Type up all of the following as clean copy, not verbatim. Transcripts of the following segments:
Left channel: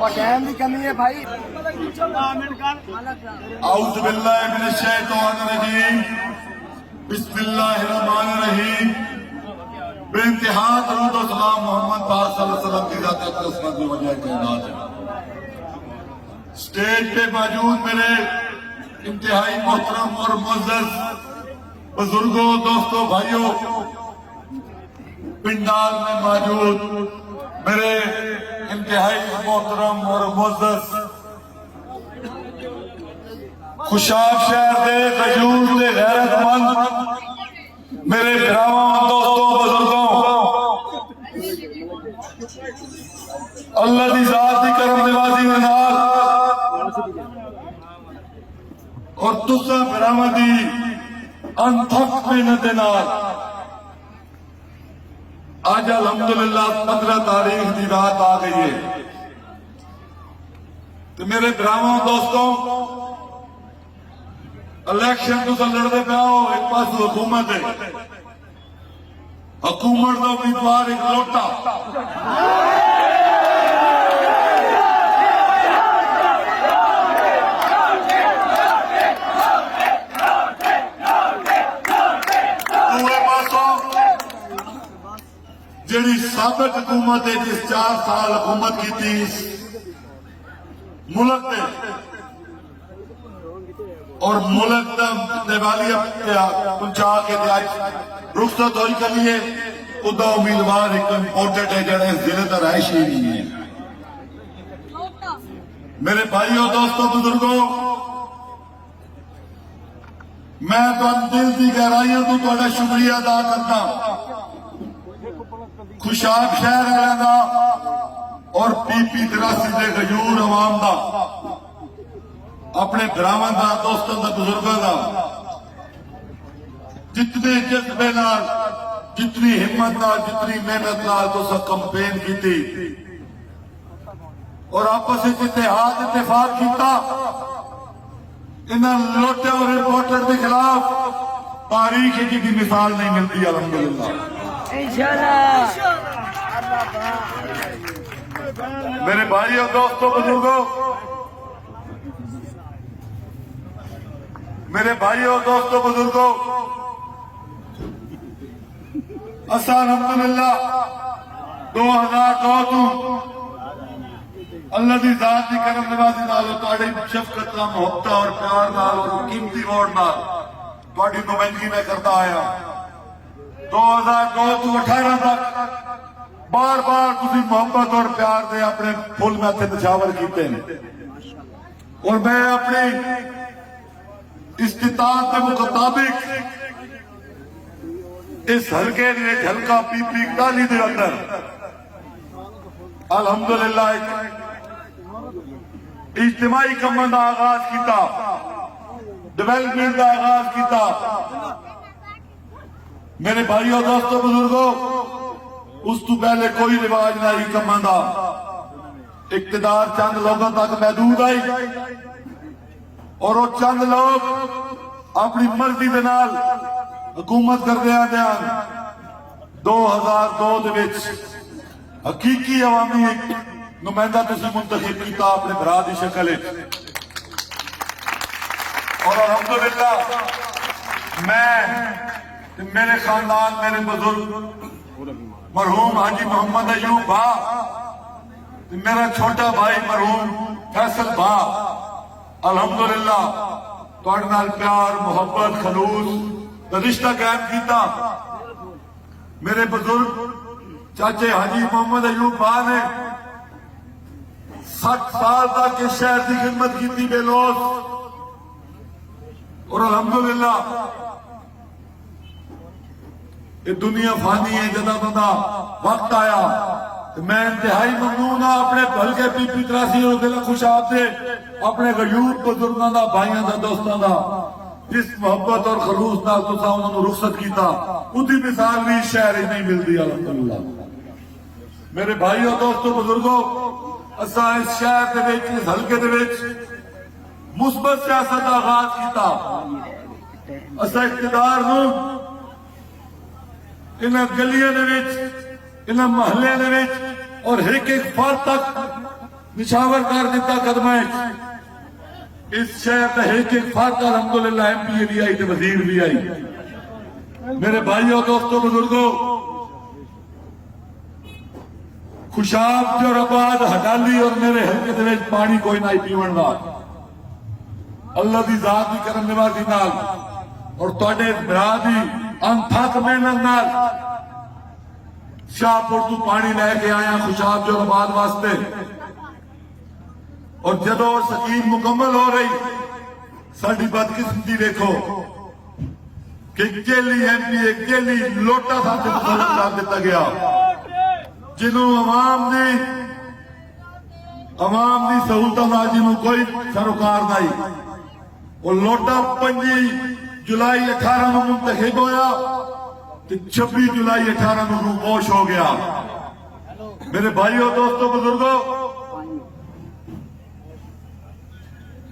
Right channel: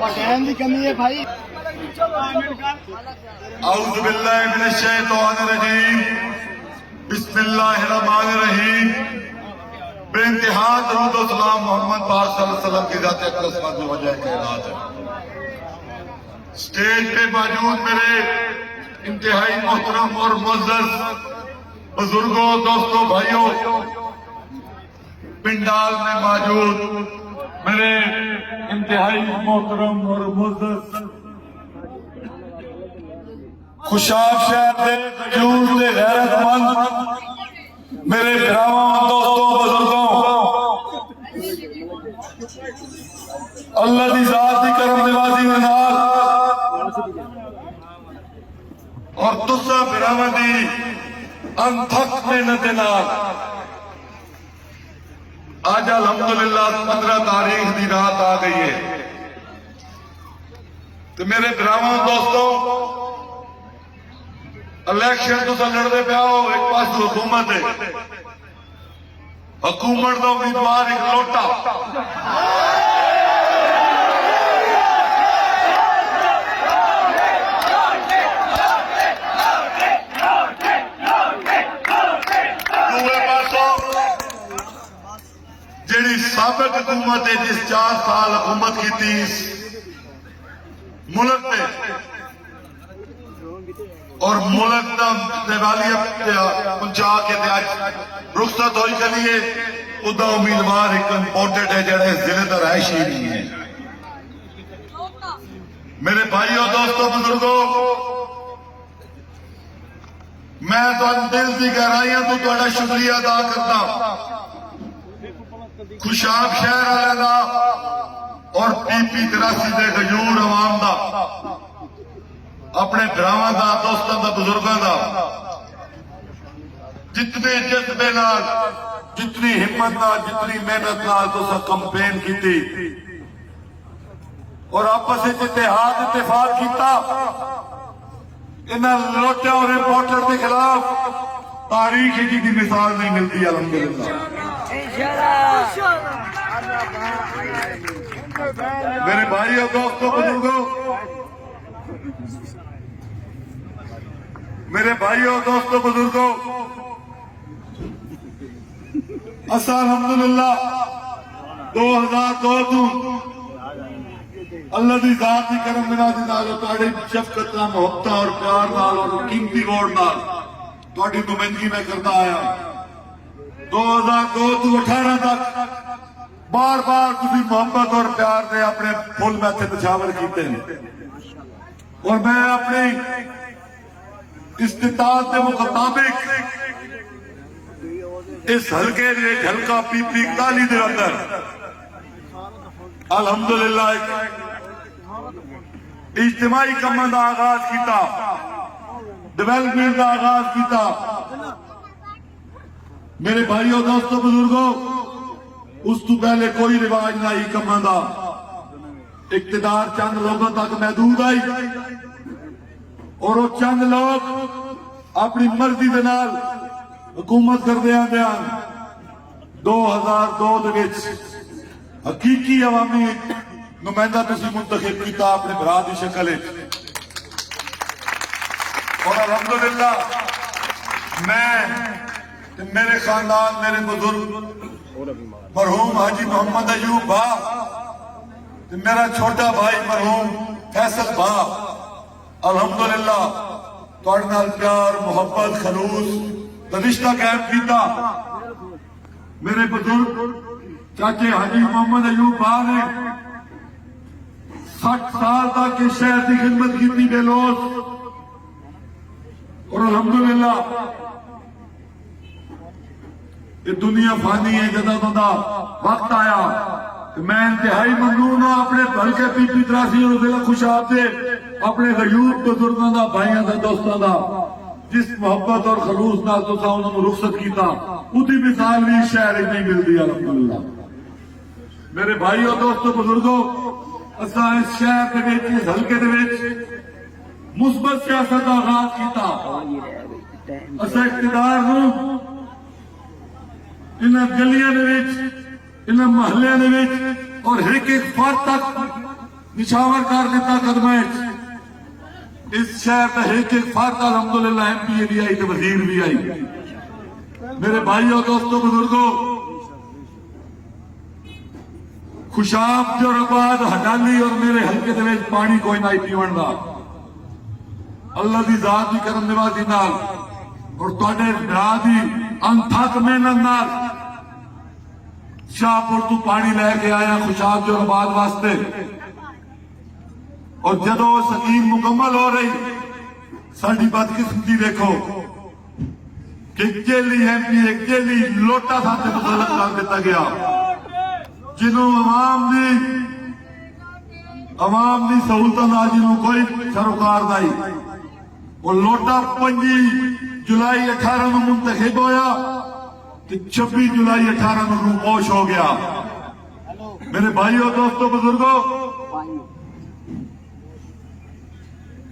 اور ٹائم کی کمی ہے بھائی. اعوذ باللہ من الشیطان الرجیم بسم اللہ الرحمن الرحیم. بے انتہا درود و سلام محمد پاک صلی اللہ علیہ وسلم کی ذات اقدس مند وجہ کائنات ہے. سٹیج پہ موجود میرے انتہائی محترم اور معزز بزرگوں، دوستوں، بھائیوں، پنڈال میں موجود میرے انتہائی محترم اور معزز خوشاب شہر دے غیور دے غیرت مند میرے بھراواں، دوستوں، بزرگوں، اللہ دی ذات دی کرم نوازی دے نال اور تساں بھراواں دی انتھک محنت دے نال آج الحمدللہ 15 تاریخ دی رات آ گئی ہے. تو میرے بھراواں، دوستوں، الیکشن تو لڑتے پیا ہو، ایک پاس حکومت ہے، حکومت کا امیدوار ایک لوٹا. دوسرے پاسوں جیڑی سابق حکومت ہے جس 4 سال حکومت کی تھی ملک میں اور ملک دا دیوالیت پہنچا کے رخصت ہوئی چلیے، ادا امیدوار ایک امپورٹنٹ ہے جڑے ضلع کا رہائشی نہیں ہے. میرے بھائیوں، دوستوں، بزرگوں، میں تو دل کی گہرائیاں تو تہاڈا شکریہ ادا کرتا خوشاب شہر والے دا اور پی 83 دے غیور عوام دا، اپنے بھراواں دا، دوستاں دا، بزرگاں دا، جتنے جذبے نال، جتنی ہمت نال، جتنی محنت نال تساں کمپین کیتی اور آپس وچ اتحاد اتفاق کیتا. انہاں لوٹے اور رپورٹر کے خلاف تاریخ کی مثال نہیں ملتی. الحمدللہ میرے بھائیوں، دوستوں، بزرگوں، میرے بھائیوں، دوستوں، بزرگوں، اسا الحمدللہ 2002 تو اللہ دی ذات دی کرم نوازی نال تہاڈی شفقت نال، محبت اور پیار نال اور قیمتی ووٹ نال تہاڈی نمائندگی میں کرتا آیا. 2002 تو 18 تک بار بار تسی محبت اور پیار دے اپنے پھول میتھے نچھاور کیتے ہیں اور میں اپنی استطاعت کے مطابق اس حلقے دے حلقہ پی 41 دے اندر الحمدللہ اجتماعی کمن کا آغاز کیتا، ڈیولپمنٹ کا آغاز کیتا. میرے بھائیوں، دوستوں، بزرگوں، اس تو پہلے کوئی رواج نہ آئی کمن کا. اقتدار چند لوگوں تک محدود آئی اور وہ چند لوگ اپنی مرضی دے نال حکومت کردے آندے ہیں. 2002 دے وچ حقیقی عوامی نمائندہ تسی منتخب کیتا اپنے برا دی شکل ہے اور الحمدللہ میں میرے خاندان، میرے بزرگ مرحوم حاجی محمد ایوب بھا، میرا چھوٹا بھائی مرحوم فیصل بھا، الحمدللہ تہاڈے نال پیار، محبت، خلوص رشتہ قائم کیتا. میرے بزرگ چاچے حاجی محمد ایوب بھا نے 60 سال تک اس شہر کی خدمت کی بے لوث اور الحمدللہ یہ دنیا فانی ہے. جدہ بندہ وقت آیا تو میں انتہائی ممنون ہوں اپنے ہلکے پی 83 اور ضلع خوشاب سے اپنے غیور بزرگاں دا، بھائیاں دا، دوستاں دا جس محبت اور خلوص نال تساں انہاں نوں رخصت کیتا، اودی مثال بھی شہر نہیں ملتی. الحمدللہ میرے بھائیوں، دوستوں، بزرگوں، اساں اس شہر دے وچ، اس حلقے دے وچ مثبت سیاست کا آغاز کیتا. اساں اقتدار نوں انہاں گلیاں دے وچ، انہاں محلیاں دے وچ اور ایک ایک فرد تک ਨਿਸ਼ਾਵਰ ਕਰ ਦਿੱਤਾ ਕਦਮਾਂ 'ਚ। ਇਸ ਸ਼ਹਿਰ ਦਾ ਇੱਕ ਇੱਕ ਫਰਕ ਅਲਹਮਦੁਲਿਲਾ ਐਮਪੀ ਵੀ ਆਈ ਤੇ ਵਜ਼ੀਰ ਵੀ ਆਈ। ਮੇਰੇ ਭਾਈਓ ਦੋਸਤੋ ਬਜ਼ੁਰਗੋ, ਖੁਸ਼ਾਬ ਜੋਰਾਬਾਦ ਹਡਾਲੀ ਔਰ ਮੇਰੇ ਹਲਕੇ ਦੇ ਵਿੱਚ ਪਾਣੀ ਕੋਈ ਨਹੀਂ ਪੀਵਣ ਦਾ। ਅੱਲਾ ਦੀ ਜ਼ਾਤ ਦੀ ਕਰਮ ਨਿਵਾਜ਼ੀ ਨਾਲ ਔਰ ਤੁਹਾਡੇ ਭਰਾ ਦੀ ਅਣਥੱਕ ਮਿਹਨਤ ਨਾਲ ਸ਼ਾਹਪੁਰ ਤੋਂ ਪਾਣੀ ਲੈ ਕੇ ਆਇਆ ਖੁਸ਼ਾਬ ਜੋਰਾਬਾਦ ਵਾਸਤੇ। ਔਰ ਜਦੋਂ ਸਕੀਮ ਮੁਕੰਮਲ ਹੋ ਰਹੀ, ਸਾਡੀ ਬਦਕਿਸਮਤੀ ਦੇਖੋ ਕਿ ਜੇਲੀ ਐਮਪੀ ਇੱਕ ਜੇਲੀ ਲੋਟਾ ਸਾਡੇ ਮੁਤਲਕ ਕਰ ਦਿੱਤਾ ਗਿਆ, ਜਿਹਨੂੰ ਆਵਾਮ ਦੀ ਸਹੂਲਤਾਂ ਨਾਲ ਜਿਹਨੂੰ ਕੋਈ ਸਰੋਕਾਰ ਨਹੀਂ। ਉਹ ਲੋਟਾ 25 ਜੁਲਾਈ 18 ਨੂੰ ਮੁੰਤਖਬ ਹੋਇਆ ਤੇ 26 ਜੁਲਾਈ 18 ਨੂੰ ਰੂਪੋਸ਼ ਹੋ ਗਿਆ। ਮੇਰੇ ਭਾਈਓ ਦੋਸਤੋ ਬਜ਼ੁਰਗੋ,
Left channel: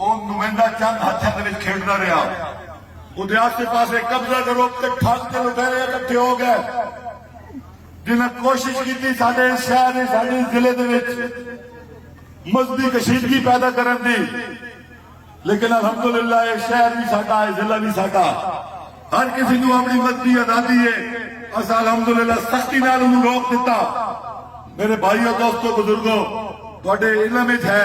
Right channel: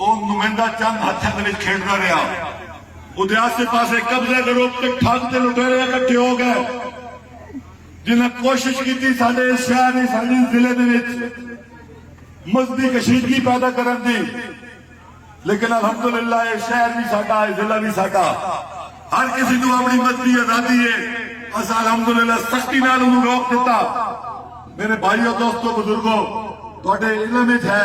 ਉਹ ਨੁਮਾਇੰਦਾ ਚੰਦ ਹੱਥਾਂ ਦੇ ਵਿੱਚ ਖੇਡਦਾ ਰਿਹਾ। ਉਹਦੇ ਆਸੇ ਪਾਸੇ ਕਬਜ਼ਾ ਗਰੋਹ ਤੇ ਠੱਗ ਤੇ ਲੁਟੇਰੇ ਇਕੱਠੇ ਹੋ ਗਏ, ਜਿਨ੍ਹਾਂ ਕੋਸ਼ਿਸ਼ ਕੀਤੀ ਸਾਡੇ ਸ਼ਹਿਰ ਦੀ, ਸਾਡੇ ਜ਼ਿਲ੍ਹੇ ਦੇ ਵਿੱਚ ਮਜ਼ਹਬੀ ਕਸ਼ੀਦਗੀ ਪੈਦਾ ਕਰਨ ਦੀ। ਲੇਕਿਨ ਅਲਹਮਦੁਲਿਲਾ ਇਹ ਸ਼ਹਿਰ ਵੀ ਸਾਡਾ, ਇਹ ਜ਼ਿਲ੍ਹਾ ਵੀ ਸਾਡਾ, ਹਰ ਕਿਸੇ ਨੂੰ ਆਪਣੀ ਮਜ਼ਹਬੀ ਆਜ਼ਾਦੀ ਹੈ। ਅਸਾਂ ਅਲਹਮਦੁਲਿਲਾ ਸਖਤੀ ਨਾਲ ਉਹਨੂੰ ਰੋਕ ਦਿੱਤਾ। ਮੇਰੇ ਭਾਈਓ ਦੋਸਤੋ ਬਜ਼ੁਰਗੋ, ਤੁਹਾਡੇ ਇਲਮ ਵਿੱਚ ਹੈ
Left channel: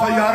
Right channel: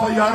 FIR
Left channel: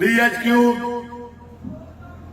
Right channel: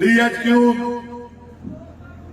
DHQ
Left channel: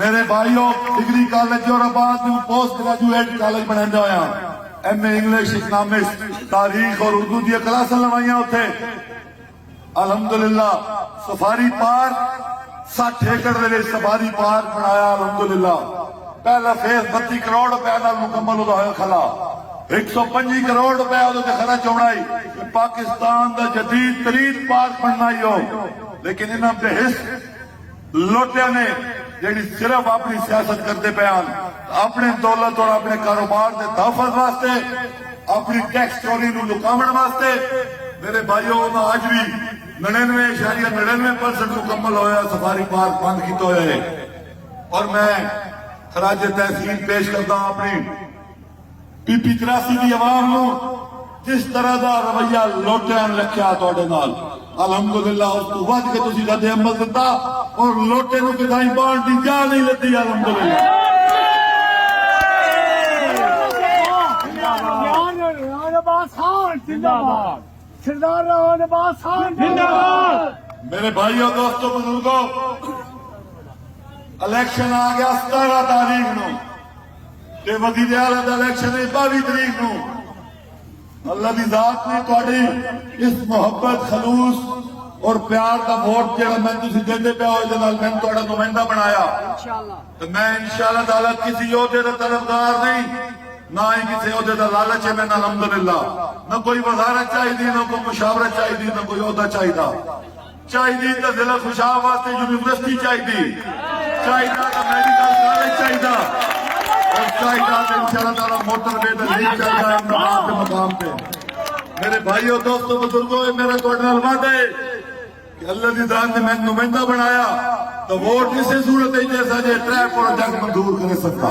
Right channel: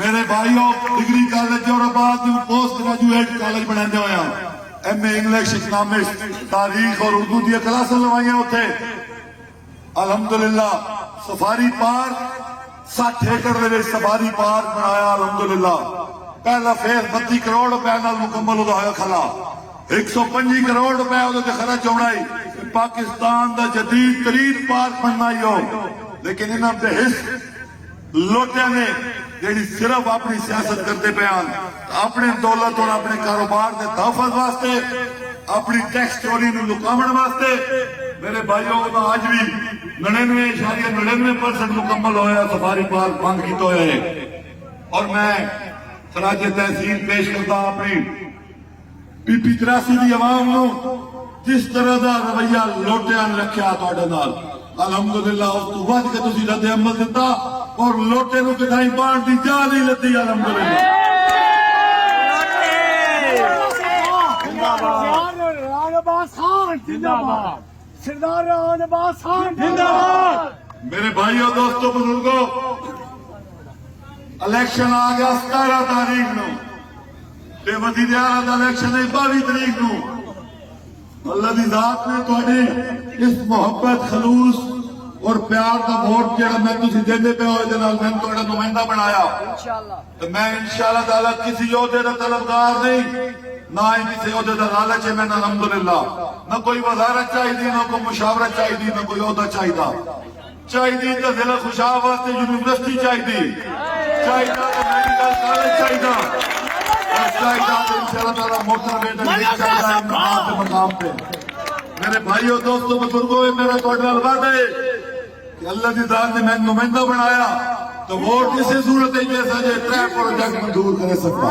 میرے بھائیوں ڈگری کالج اور بعد پوسٹ گریجویٹ کالج بنا ہوا ایم اے انگلش اکنامکس تاریخ اور اردو دیا کلاساں لوائیاں اتنے الحمدللہ سفاری پارک 60 ایکڑ دے سفاری پارک بنایا الحمدللہ پہلا فیس 32 کروڑ روپے نال مکمل ہویا کھلا 125 کروڑ روپے وہ خرچ ہونا پاکستان دا جدید ترین پارک بننا ہی ہو لیکن انہاں دے حص لوٹیا نے جیڑی صرف اپنی سیاست کرتے پیان اپنے دولت اور اپنے کاروبار دے تحفظ واسطے اپنی ٹیکس چوری نو لکاون واسطے میرے بھائیوں آج بھی 99.99% مکمل ہویا سفاری پارک بند کیتا ہوئے اور میں خراج تحسین پیش کرتا ہوں اپنی پی پی 83 دی عوام نو جس طرح دا رویہ لوٹیا نے رکھیا تواڈے نال الحمدللہ اس تو ود کے تسی رد عمل دیتا اور لوٹے نو کدائی بان دی جا نہیں لتی الحمدللہ سردار راج عباس خان میرے بھائیوں دوستوں بزرگوں الیکشن آ گیا 17 تاریخ نو تے وزیر اعلی دا الیکشن ہے 22 تاریخ نو اللہ دی ذات نے تہاڈی اس محبت خلوص اور پیار دا ووٹ جڑا میں تسی دیندے پے ہو دے نال میں تہاڈا نمائندہ بنایا تے میں انشاءاللہ تعالی کسی عہدے دا طلبگار نہیں نہ ہی کسی عہدے دا لالچ ہے میں الحمدللہ نہ کوئی وزارت چاہیے نہ کوئی مشاورت چاہیے نہ کوئی عہدہ چاہیے تو ضلع خوشاب واسطے یونیورسٹی چاہیے تو میڈیکل کالج چاہیے اور چاہیے تو انشاءاللہ تعالی موٹر وے تے نہیں چاہیے انتخاب کے مقام پہ میرے بھائیوں دوستوں بزرگوں میرا تہاڈے نال وعدہ ہے کہ اللہ دی ذات نے میں نمائندہ بنایا تو ووٹ کسی صورت ہے جیسا جے 3 پروجیکٹ منظور کر سکتا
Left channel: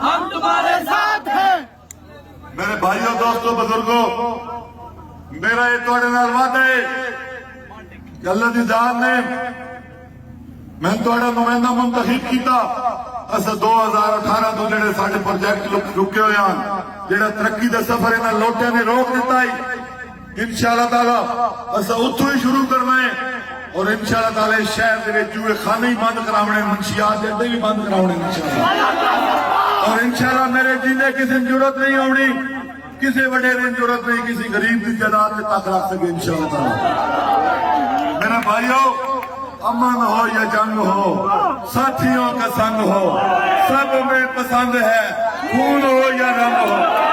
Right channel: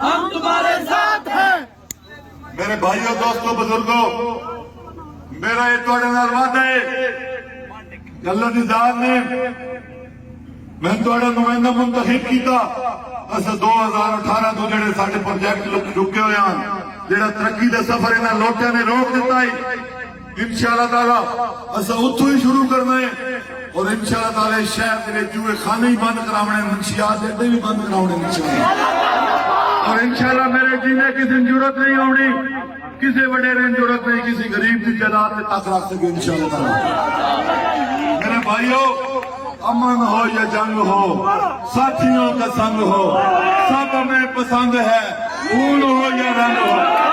ہم تمہارے ساتھ ہیں میرے بھائیوں دوستوں بزرگوں میرا یہ تہاڈے نال وعدہ ہے کہ اللہ دی ذات نے میں تہاڈا نمائندہ منتخب کیتا اسا 2018 تو جڑے ساڈے پروجیکٹ رکے ہوئے ہیں جڑا ترقی دا سفر انہاں لوٹے نے روک دیتا ہے انشاءاللہ تعالی اسا اتھوں ہی شروع کرنا ہے اور انشاءاللہ تعالی شہر دے وچ جوئے خانے ہی بند کراونے منشیات دے اڈے بھی بند کراونے انشاءاللہ اور انشاءاللہ میرے جینے کسی ضرورت نہیں ہونی کسی وڈیرے کی ضرورت نہیں کسی غریب کی جائیداد میں تک رکھ سکے انشاءاللہ تعالی میرے بھائیوں امن ہو یا جنگ ہو ساتھیوں کا سنگ ہو سب میں پسند ہے خون ہو یا رنگ ہو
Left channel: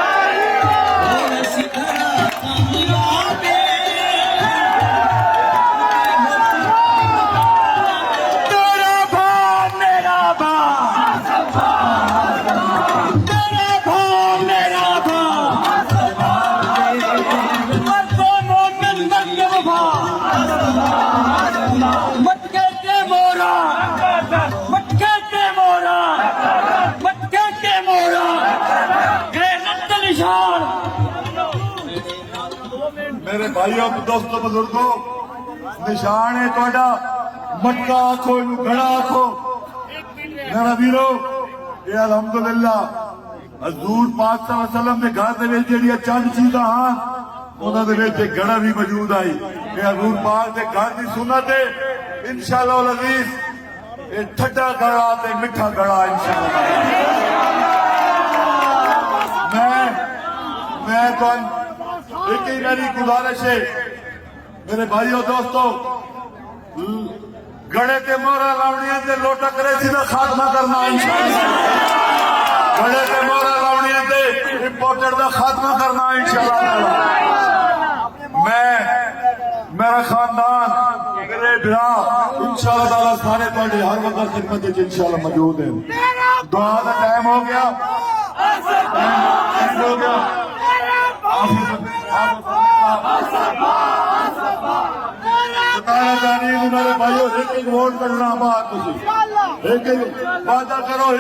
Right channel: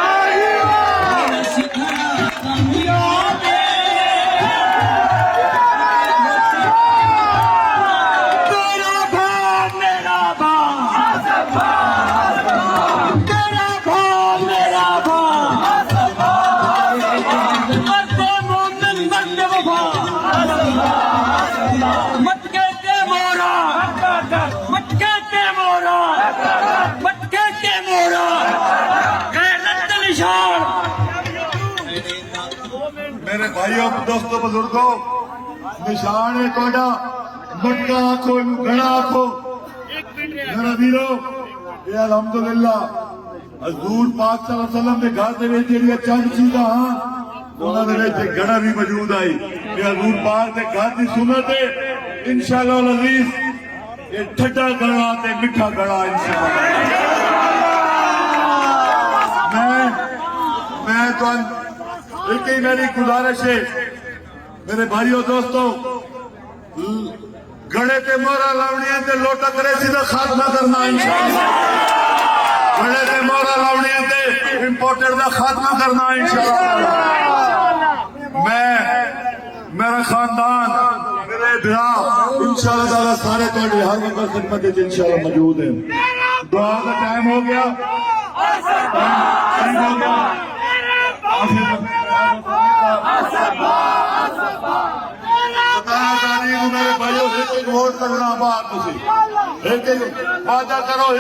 میرے بھائیوں دوستوں بزرگوں نشان ہے تہاڈا مٹکا آکھو گھڑا آکھو میرا ویرو یہ الحمدللہ حضور پاک صلی اللہ علیہ وسلم کے گھر دے وچ جڑیاں چند چیزاں ہاں انہاں دے وچ ایک گھڑا بھی موجود آئی یہ حضور پاک دے گھر دی سنت ہے انشاءاللہ العزیز یہ ٹھڈا گھڑا تے میٹھا گھڑا انشاءاللہ میں تو ایک ہی میری گزارش ہے میرے بھائیوں دوستوں گڑے کے مورا لاؤنیاں تے لوٹا کرے سیدھا خاتمہ کرنا انشاءاللہ گڑے کے مورا لاؤنیاں تے امپورٹر دا خاتمہ کرنا انشاءاللہ میرا خاندان میرے بھرا انشاءاللہ تعالی سارے تہاڈی ہر وقت خدمت وچ انشاءاللہ موجود ہیں دعا دا ٹائم ہو گیا میرے بھائیوں ایک ووٹ کرنا باہر ایک وعدہ کرو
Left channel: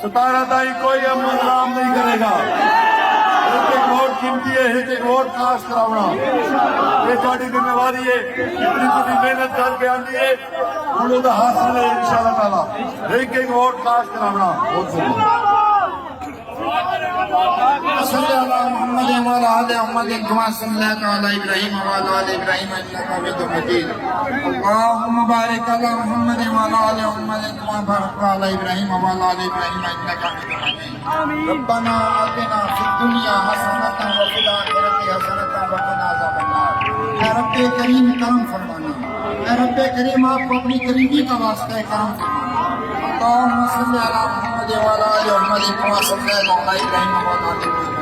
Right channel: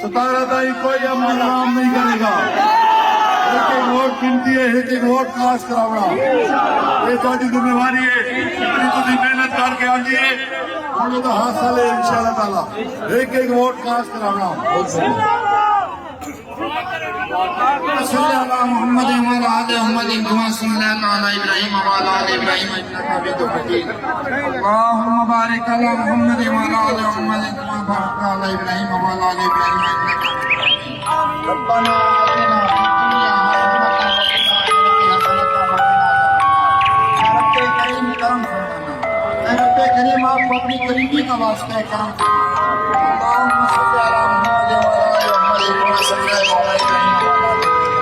17 تاریخ کوئی امن نام نہیں کرے گا ایک ووٹ قیمتی ہے ایک ووٹ کاسٹ کراونا یہ تہاڈی ذمہ داری ہے جتنی تسی محنت کر کے آندی ہے انہوں دا حاصل ہے انشاءاللہ تعالی ایک ووٹ کاسٹ کراونا بہت وصل على محمد وعلى آل محمد كما صليت على إبراهيم وعلى آل إبراهيم إنك حميد مجيد اللهم بارك على محمد وعلى آل محمد كما باركت على إبراهيم وعلى آل إبراهيم إنك حميد مجيد ربنا آتنا في الدنيا حسنة وفي الآخرة حسنة وقنا عذاب النار اے رب کریم کرم فرمانا اے رب کریم آپ کو اپنی قریبی کا واسطہ کرم فرمانا اللهم صل على محمد وعلى آل محمد كما صليت على إبراهيم وعلى آل إبراهيم